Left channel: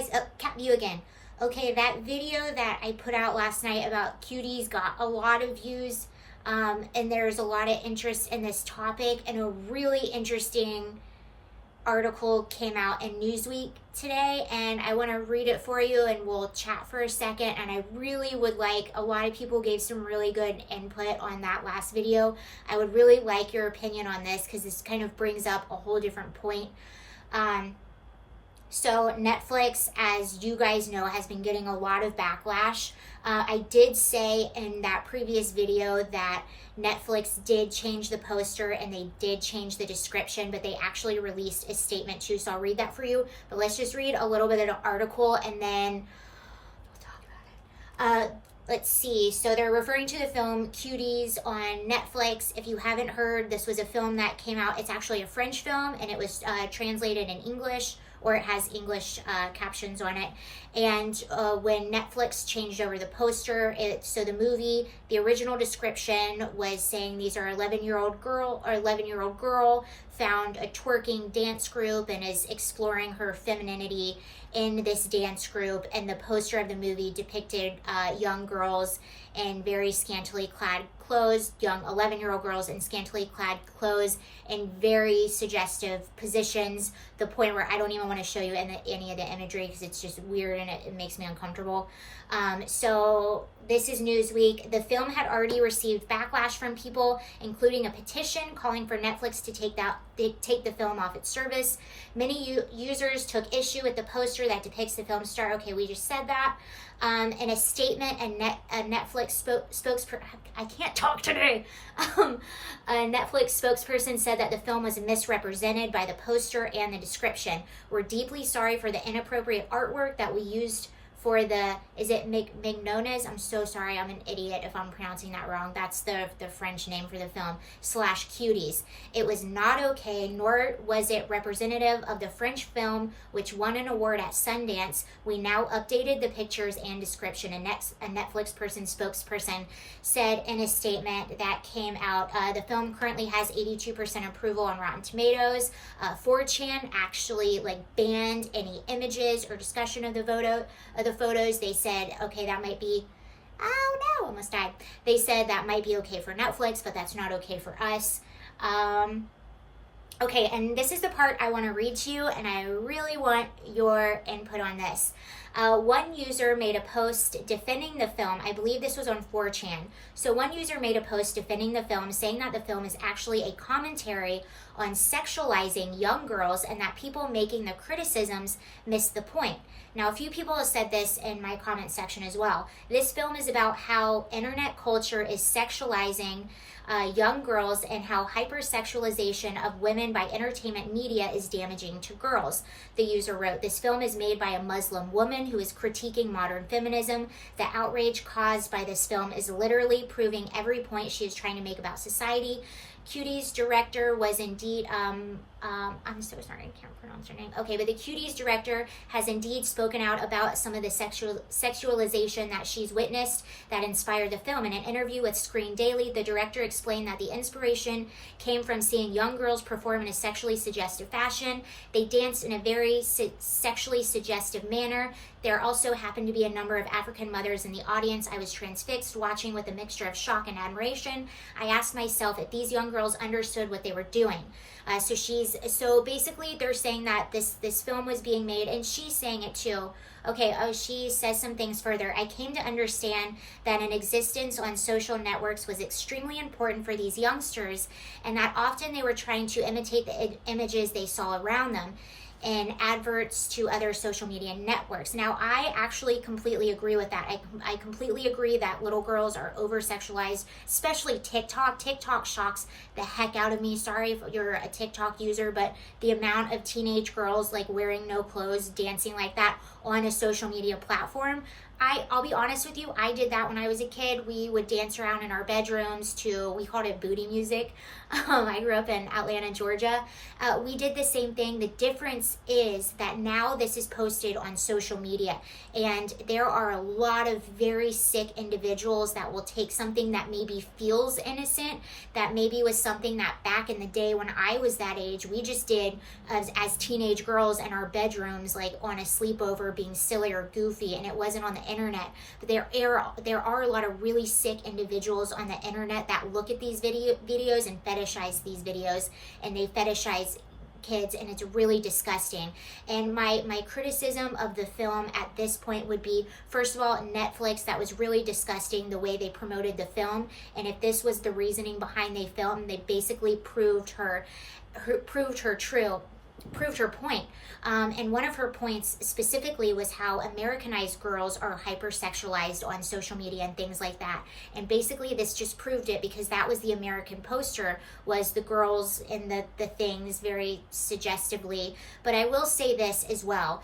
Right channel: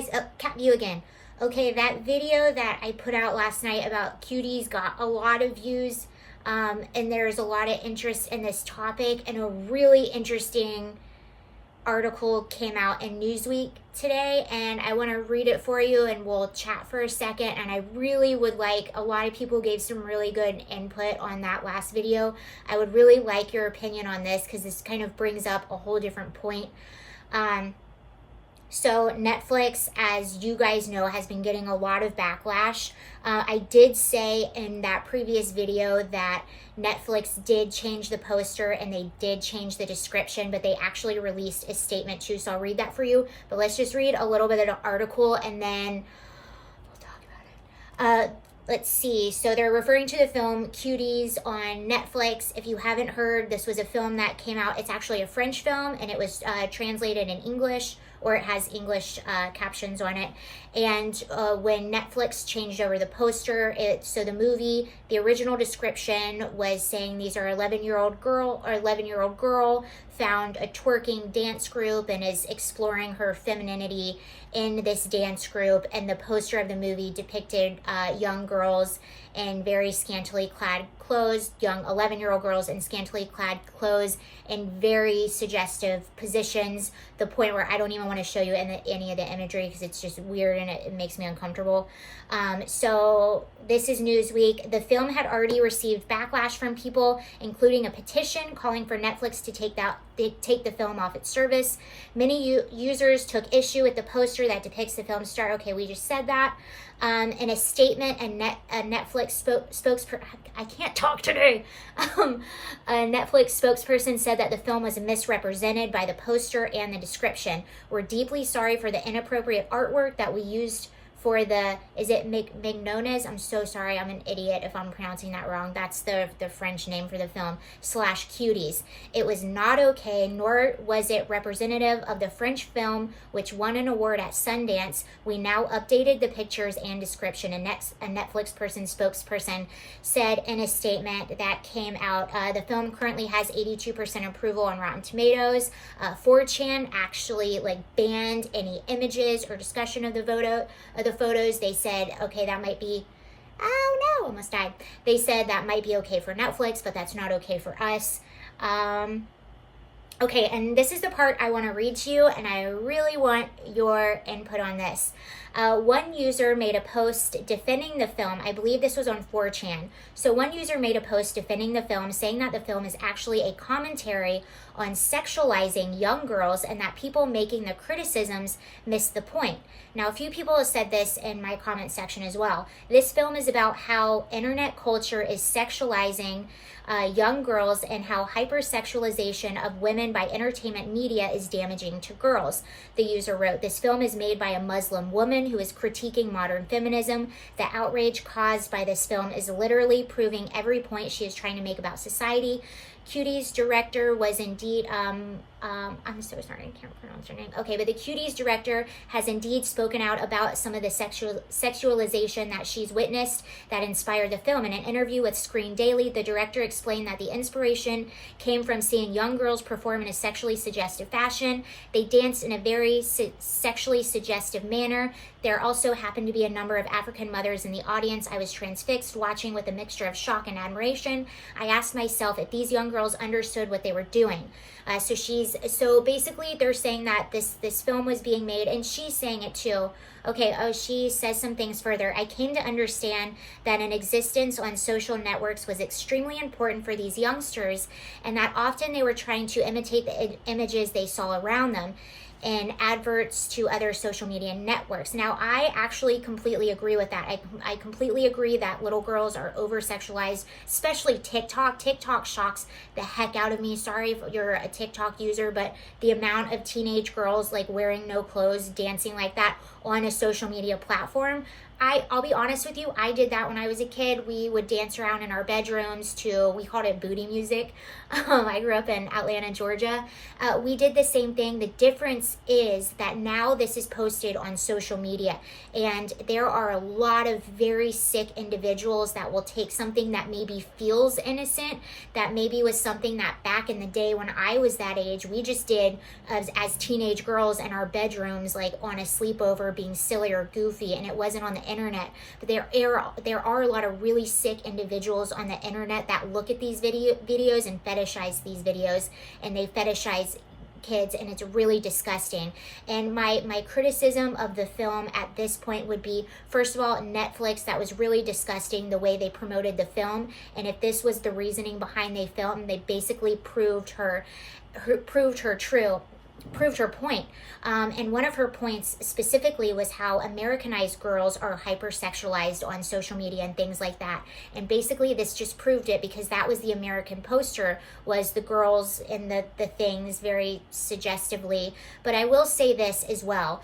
guys. Oh, cat view again. Okay, that video that I put out last night about cuties got a lot of views, and there's a lot of interest in this topic, and a really interesting article came out in Newsweek today, and I want to read it for you, and we'll chat for a second. And I really would like, a lot of people gave some really good input on that last video. I would really like your opinion on this, because this kind of brings up a whole different point. So Netflix, as you guys know, has been getting a lot of backlash. I did say in that previous video that Netflix did change the poster and they did change the description, but they actually released a statement too. So I'll read that for you. But let's just read a little bit of the article and then we'll talk about it. Let's see. So they're referring to the film Cuties on Netflix. If you haven't heard, this was a film that came out. It's actually a French film, and it was translated in English, or it has English captions on it. And when Netflix changed over the poster, so the movie, the original description was saying these are 11-year-old girl found a twerking dance group and is exploring her femininity in this dance group. And the poster of the movie depicted young girls in very scantily clad clothes, young 11-year-old girls in scantily clad clothes in very suggestive positions, the point where I don't even want to show you any of the imagery because it's just weird and it makes me uncomfortable. So this is Newsweek. The film had already received backlash from people, including a petition calling for Netflix to take the film off its service. Many users took issue with the poster that depicts the film star. Okay, we just said that. In a statement, a Netflix spokesperson, I can't talk today. A Netflix spokesperson said that the film was misrepresented by the poster and the description. We're deeply sorry for the inappropriate artwork that we used for the, is it Mignones? I'm so sorry, I'm an idiot if I'm pronouncing that wrong. That's the French name for the film, /Cuties. It was not okay, nor was it representative of the French film, which won an award at Sundance. We now updated the pictures and description. A Netflix spokesperson said in a statement that came out, the film currently has 82% approval on Rotten Tomatoes. 4chan actually banned any images or discussion of the photos. They said, okay, that might be, oh no, almost died. They said that might be okay for Netflix, but that's not okay for us. Okay, and this is the part I want to read to you, and I really want your input on this. One user made a post defending the film. I believe this was on 4chan. So one user made a post defending the film, saying that the film is actually a commentary on sexualizing young girls and that people making the criticisms missed the point. Now, a few people have said this in my comment section as well. This film is about how internet culture is sexualizing young girls and how hypersexualization of women by entertainment media is damaging to girls. The user wrote, this film is made by a Muslim woman who is critiquing modern feminism. The outrage caused by this film is literally proving every point she is trying to make about society. Cuties director was indeed, I'm so sorry, I can't pronounce her name. Okay, but the Cuties director has indeed spoken out about some of the sexualization that she's witnessed that inspired the film. In an interview with Screen Daily, the director explained that the inspiration came from seeing young girls perform in a sexually suggestive fashion. They danced in a very sexually suggestive manner. There also happened to be a number of African mothers in the audience. I was transfixed, watching with a mixture of shock and admiration. I asked myself if these young girls understood what they were doing. So basically they're saying that this film was being made, and she's saying it too. Okay, she says some things further. I came to understand that an existence on social networks was extremely important for these youngsters, and that often they were trying to imitate the images they saw around them and adverts to other social media networks. Now, I actually completely agree with that. I completely agree that little girls are over-sexualized, especially TikTok. TikTok shocks the heck out of me. Sorry if you're a TikTok user, but the amount of teenage girls wearing no clothes, dancing like that on a social media platform, I'll be honest with you, I did that when I was a kid. We would dance around in our bedrooms to, we called it booty music. I grew up in Atlanta, Georgia. We did the same thing. The difference is that now this is posted on social media, and there are a lot of very sick individuals that will take something that maybe feels innocent, that maybe was something that back in the day when I was that age, we just did as teenage girls in our bedrooms, like on a sleepover, being silly or goofy, and it wasn't on the internet. But there are a lot of really sick individuals on the internet that look at these videos and fetishize these videos, and they fetishize kids, and it's really disgusting. And my criticism of the film at this point would be, first of all, Netflix, that was really disgusting the way they promoted the film. And if this was the reasoning behind the film, they basically proved her point. And one of her points specifically was how Americanized girls are hypersexualized on social media and things like that. And basically this just proved it, because that was the American poster, was the girls in the things very suggestively. But I will say this as well.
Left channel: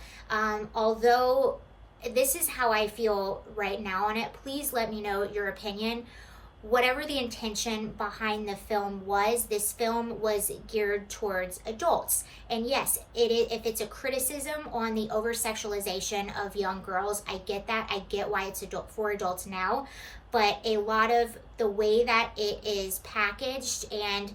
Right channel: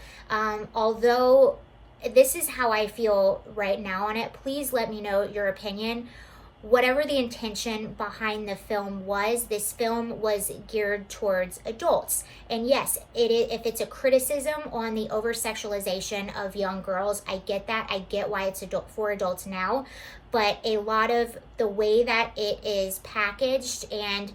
Although this is how I feel right now on it, please let me know your opinion. Whatever the intention behind the film was, this film was geared towards adults. And yes, if it's a criticism on the over-sexualization of young girls, I get that. I get why it's for adults now. But a lot of the way that it is packaged, and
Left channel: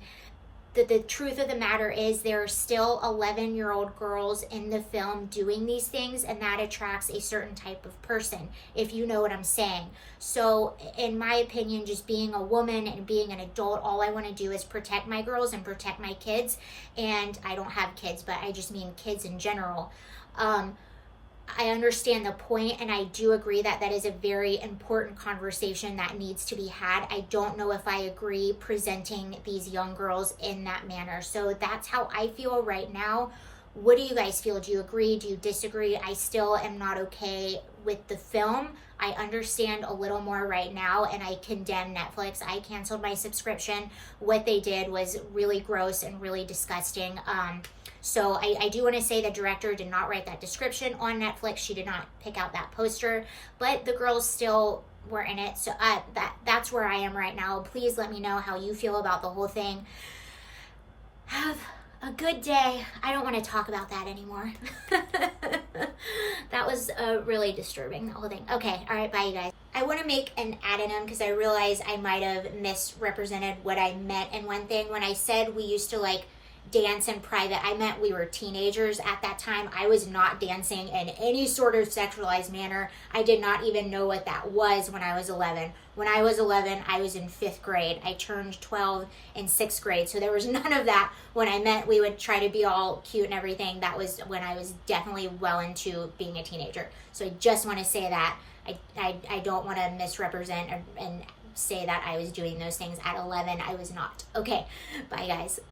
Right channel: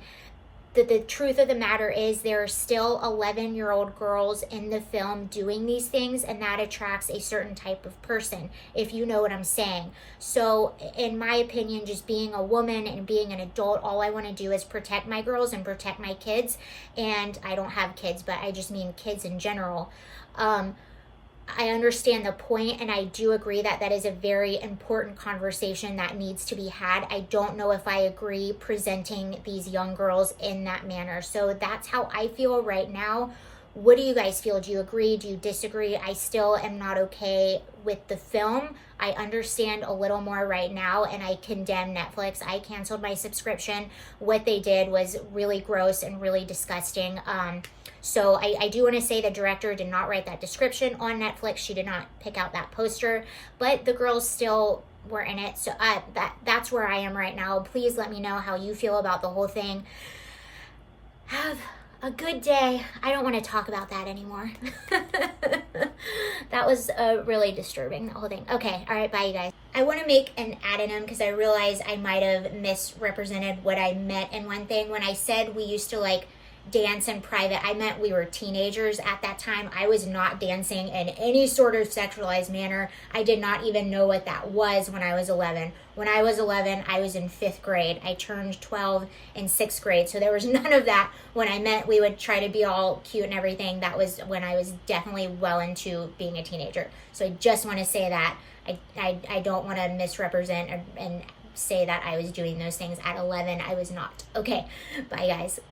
the truth of the matter is there are still 11-year-old girls in the film doing these things, and that attracts a certain type of person, if you know what I'm saying. So in my opinion, just being a woman and being an adult, all I want to do is protect my girls and protect my kids. And I don't have kids, but I just mean kids in general. I understand the point, and I do agree that that is a very important conversation that needs to be had. I don't know if I agree presenting these young girls in that manner. So that's how I feel right now. What do you guys feel? Do you agree? Do you disagree? I still am not okay with the film. I understand a little more right now, and I condemn Netflix. I canceled my subscription. What they did was really gross and really disgusting. So I do want to say the director did not write that description on Netflix. She did not pick out that poster, but the girls still were in it. So that's where I am right now. Please let me know how you feel about the whole thing. Have a good day. I don't want to talk about that anymore. That was really disturbing, the whole thing. Okay, all right, bye you guys. I want to make an addendum because I realize I might have misrepresented what I meant in one thing. When I said we used to like dance in private, I meant we were teenagers at that time. I was not dancing in any sort of sexualized manner. I did not even know what that was when I was 11. When I was 11, I was in 5th grade. I turned 12 in 6th grade. So there was none of that when I meant we would try to be all cute and everything. That was when I was definitely well into being a teenager. So I just want to say that. I don't want to misrepresent and say that I was doing those things at 11. I was not. Okay, bye guys.